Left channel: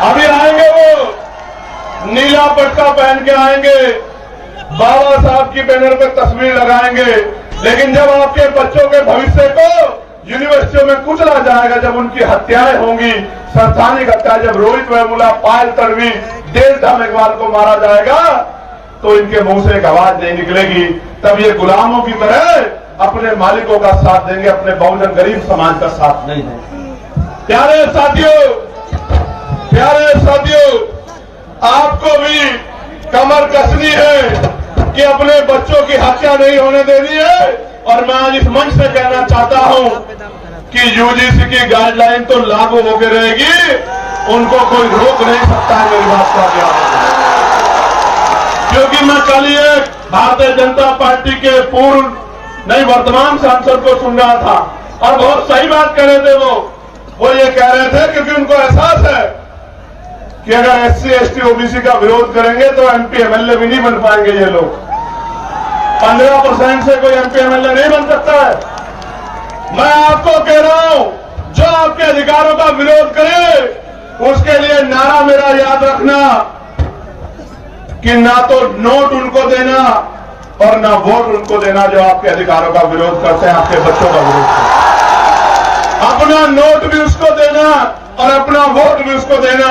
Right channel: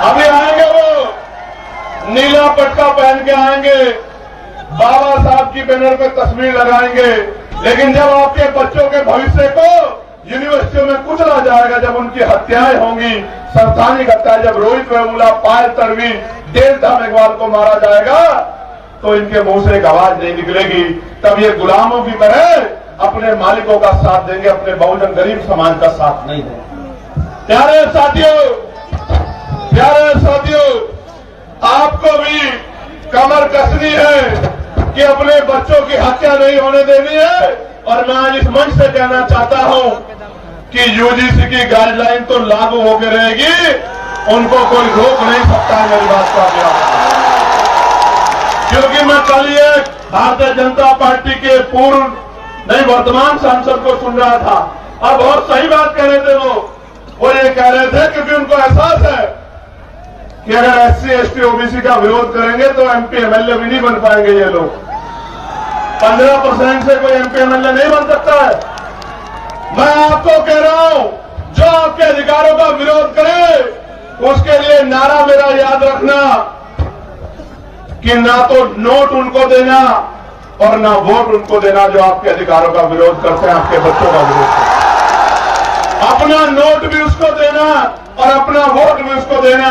अभी आएंगे वो नीला पट्टा पहन के आएंगे, बाबा साहब की बैनर पे तस्वीर लगाएंगे, लेकिन जब आपके बच्चों के भविष्य को यूनिवर्सिटियों में कुचला जाएगा, जब उनकी हत्याएं होंगी, संस्थानिक हत्याएं, जब रोहित वेमुला, पायल तन्वी, देशधाम इकबाल को मारा जाएगा, तो इनके मुंह से एक आवाज नहीं निकलेगी। तब ये गुलामों की तरह अपने मालिकों का साथ देंगे, अपने बहुजन गरीब समाज का साथ नहीं देंगे। प्यारे साथियों, आपको भी कमर कसनी है कि अपने बच्चों की हत्या नहीं होने देनी है। और मैं आज इस मंच से कहना चाहता हूं कि यूजीसी की गाइडलाइन तो लागू होकर रहेगी, उनको कोई रोक नहीं सकता मेरी बात का क्या। क्योंकि मैं कल एक भारतीय जनता पार्टी के वर्तमान सांसद को सुन रहा था और बहुत सही बात कह रहे थे। वो ये कह रहे थे क्योंकि उनको एहसास है कि अगर SC ST OBC का विरोध करेंगे तो MP MLA भी नहीं बन पाएंगे ये लोग। 15% से कोई MP MLA नहीं बन सकता है। मैं आपको कह रहा हूं, जो आपके अधिकारों का विरोध करे उसके लिए नारा मेरा याद रखना कि ना तो नोट उनको देना और ना वोट उनको देना जो आपके अधिकारों का विरोध करते हैं, आपके बच्चों का विरोध करते हैं। अपना नोट भी उसको देना और अपना वोट भी उसको देना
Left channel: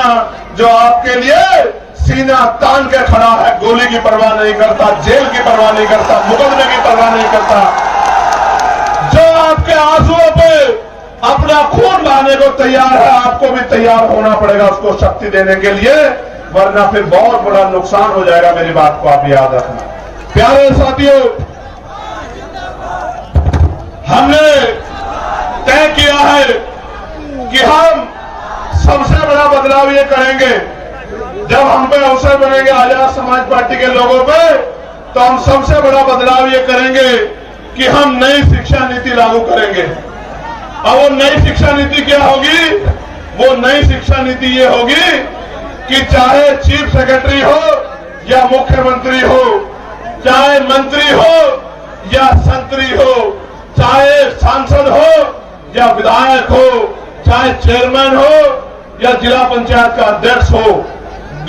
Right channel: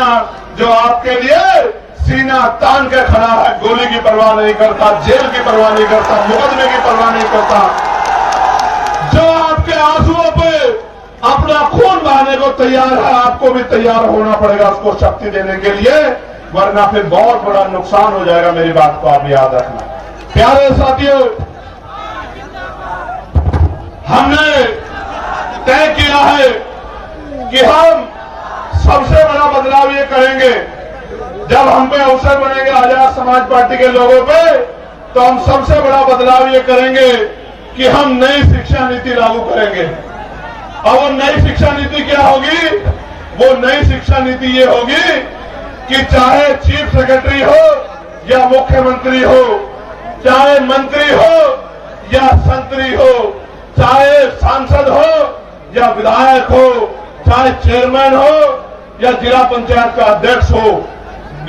जो आपके लिए सीना तान के खड़ा है, गोली की परवाह नहीं करता, जेल की परवाह नहीं करता, मुकदमे की परवाह नहीं करता, जो आपके आंसुओं पे अपना खून बहाने को तैयार है। आपको भी तैयार होना पड़ेगा उसको शक्ति देने के लिए, वरना फिर बहुत बड़ा नुकसान हो जाएगा। मेरी बात को आप याद रखना। प्यारे साथियों, हमने तय किया है कि हम सबसे बड़ा बदलाव ये करेंगे, जब हम पे अवसर बनेंगे आजाद समाज पार्टी के लोगों पे, तो हम सबसे बड़ा बदलाव ये करेंगे कि हम नई शिक्षा नीति लागू करेंगे। और वो नई शिक्षा नीति क्या होगी? वो नई शिक्षा नीति ये होगी कि चाहे चीफ सेक्रेटरी हो या मुख्यमंत्री हो, चाहे मंत्री हो या संतरी हो, चाहे सांसद हो या विधायक हो, चाहे चेयरमैन हो या जिला पंचायत का अध्यक्ष हो,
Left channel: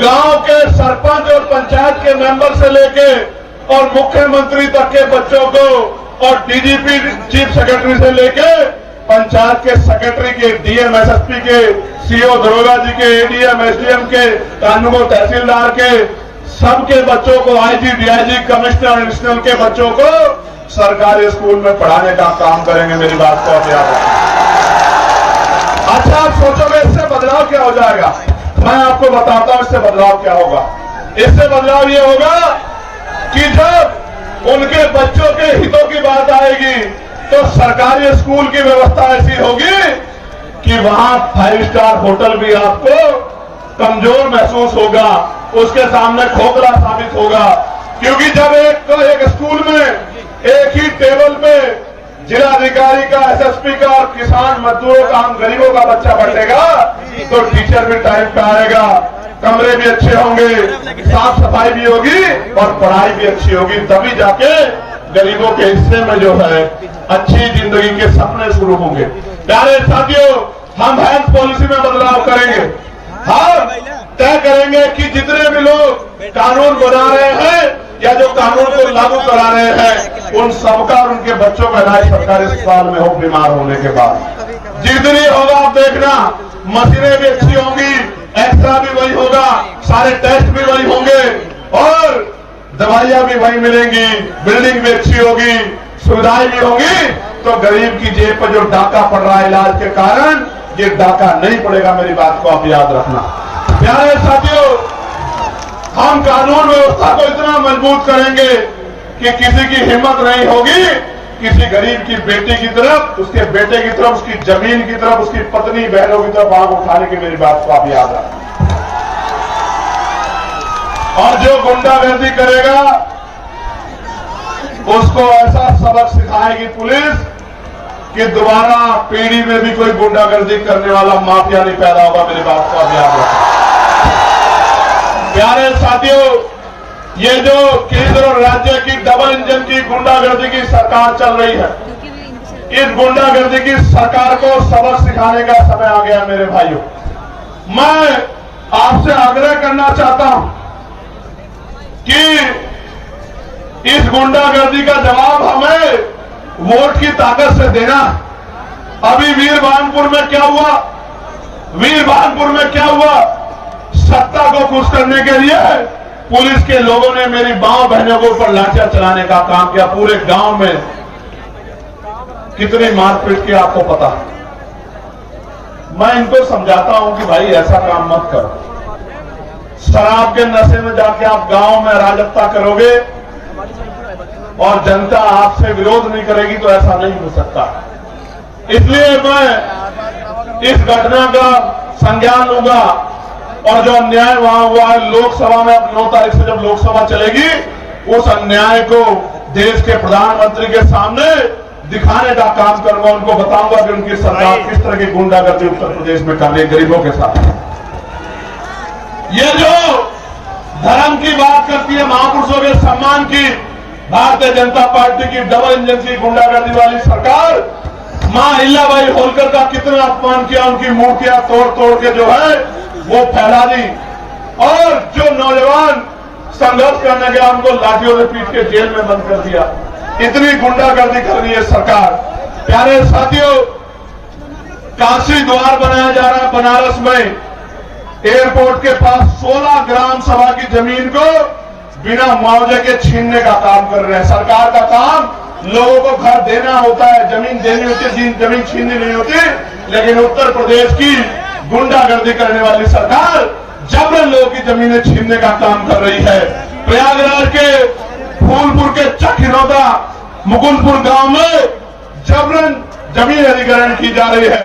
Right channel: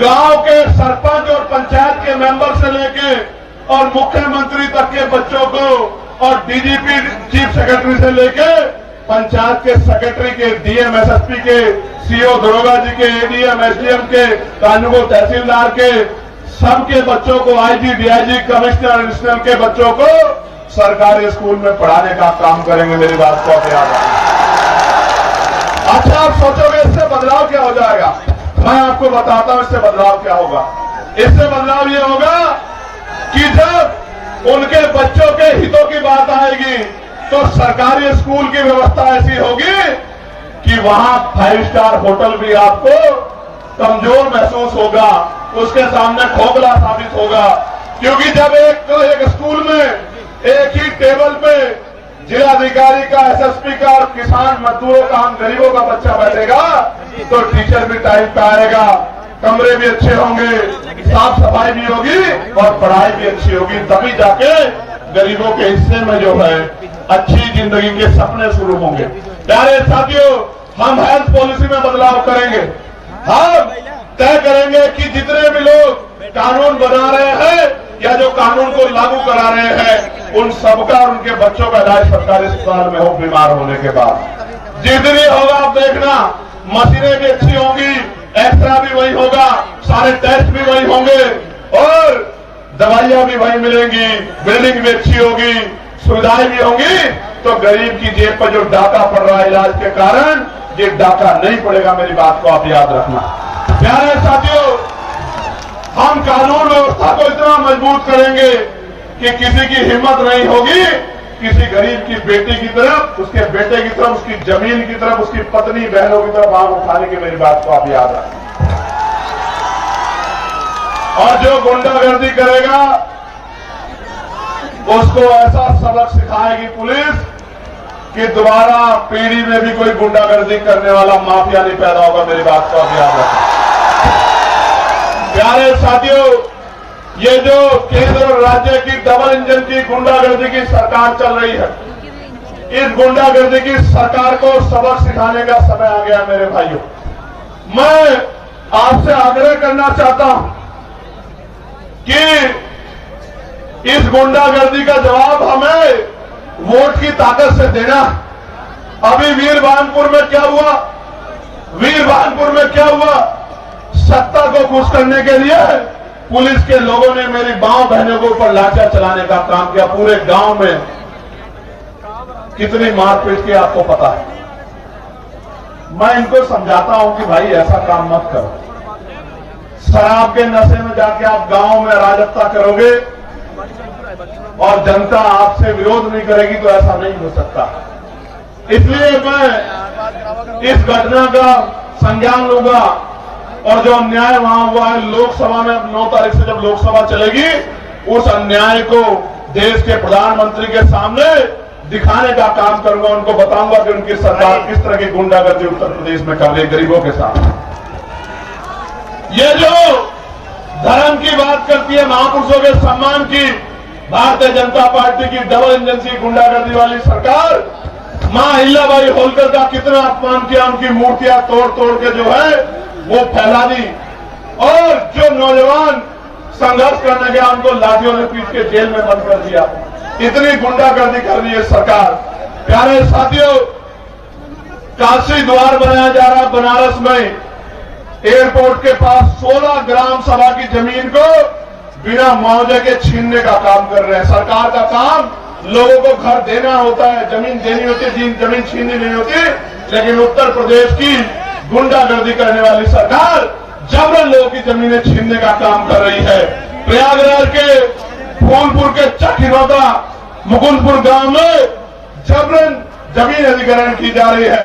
गांव के सरपंच और पंचायत के मेंबर से लेके और मुख्यमंत्री तक के बच्चों को और DGP चीफ सेक्रेटरी से लेके पंचायत के सेक्रेटरी के, DM SSP के, CO दरोगा जी के, ADM SDM के, कानून तहसीलदार के, सबके बच्चों को IG DIG कमिश्नर एडिशनल के बच्चों को सरकारी स्कूल में पढ़ाने का काम करेंगे। मेरी बात को आप याद रखें। अच्छा, आप सोचोगे इससे बदलाव क्या हो जाएगा? मैं आपको बताता हूं इससे बदलाव क्या होगा। इससे बदलाव ये होगा कि जब उनके बच्चों के हितों की बात आएगी तो सरकारी स्कूल की व्यवस्था ऐसी होगी कि वहां 5 स्टार होटल भी आपको कमजोर महसूस होगा, उसके सामने खोखला साबित होगा। क्योंकि जब एक स्कूल में एक ही टेबल पे जिलाधिकारी का, SSP का और किसान मजदूरों का, आम गरीबों का बच्चा बैठेगा तो टीचर भी टाइम पे आएगा, कमरे भी अच्छे होंगे, साफ सफाई भी होगी और पढ़ाई भी अच्छी होगी। तभी जाके गरीबों के हिस्से में जो है अच्छी जिंदगी के सपने शुरू होंगे। प्यारे साथियों, हम हेल्थ पॉलिसी में बदलाव करेंगे। हम तय करेंगे कि जितने भी लोग कानून बना रहे हैं या जो कानून को लागू करा रहे हैं, उन सबका और उनके बच्चों का इलाज सरकारी अस्पताल में हो बीमार होने के बाद। जितनी होगा आप देखना, मशीनें भी अच्छी होंगी, एक्सरा भी वही होगा, सारे टेस्ट भी वही होंगे और दवाइयां भी वही मिलेंगी, बिल्डिंग भी अच्छी होगी, सुविधाएं भी होंगी। तो गरीब की जेब पर जो डाका पड़ रहा है इलाज के कारण, ये डाका नहीं पड़ेगा। मेरी बात को आप याद रखना। प्यारे साथियों, हम कानून व्यवस्था को इतना मजबूत करेंगे कि किसी की हिम्मत नहीं होगी किसी गरीब की बेटी की तरफ, उसके बेटे की तरफ, उसकी जमीन की तरफ, उसकी पत्नी बहनों की तरफ आंख उठाने की। मेरी बात को आप याद रखना। और जो गुंडागर्दी करेगा उसको ऐसा सबक सिखाएगी पुलिस कि दोबारा पीढ़ी में भी कोई गुंडागर्दी करने वाला माफिया नहीं पैदा होगा। मेरी बात को आप याद रखें। प्यारे साथियों, ये जो केंद्र और राज्य की डबल इंजन की गुंडागर्दी की सरकार चल रही है, इस गुंडागर्दी की सरकार को सबक सिखाने का समय आ गया। मेरे भाइयों, मैं आपसे आग्रह करना चाहता हूं कि इस गुंडागर्दी का जवाब हमें वोट की ताकत से देना। अभी वीरभानपुर में क्या हुआ? वीरभानपुर में क्या हुआ? सत्ता को खुश करने के लिए पुलिस के लोगों ने मेरी मां बहनों के ऊपर लाठियां चलाने का काम किया। पूरे गांव में कितनी मारपीट की आपको पता है। मैं इनको समझाता हूं कि भाई ऐसा काम मत करो। शराब के नशे में जाके आप गांव में अराजकता करोगे और जनता आपसे विरोध नहीं करेगी तो ऐसा नहीं हो सकता। इसलिए मैं इस घटना का संज्ञान लूंगा और जो अन्याय वहां हुआ है लोकसभा में, अब 9 तारीख से जब लोकसभा चलेगी, उस अन्याय को देश के प्रधानमंत्री के सामने दिखाने का काम करूंगा। उनको बताऊंगा कि उनकी सरकार किस तरह की गुंडागर्दी उत्तर प्रदेश में कर रही है गरीबों के साथ। ये जो धर्म की बात करती है, महापुरुषों के सम्मान की, भारतीय जनता पार्टी की डबल इंजन की गुंडागर्दी वाली सरकार मां अहिल्याबाई होलकर का कितना अपमान किया। उनकी मूर्तियां तोड़ तोड़ के जो है वो फैला दी और जो नौजवान संघर्ष करने गया उनको लाठियों से पीट के जेल में बंद कर दिया। इतनी गुंडागर्दी कर रही है सरकार। प्यारे साथियों, काशी द्वार बनाया जा रहा बनारस में, एयरपोर्ट के पास 16 ग्राम सभा की जमीन को बिना मुआवजे के छीनने का काम कर रहे हैं। सरकार का काम लोगों को घर देना होता है, जमीन देनी होती है, जमीन छीननी नहीं होती। लेकिन उत्तर प्रदेश की गुंडागर्दी करने वाली सरकार जबरन लोगों की जमीनें छीनने का काम कर रही है। प्रयागराज के फूलपुर के चकिरौदा मुकुंदपुर गांव में जबरन जमीन अधिग्रहण की जा रही है।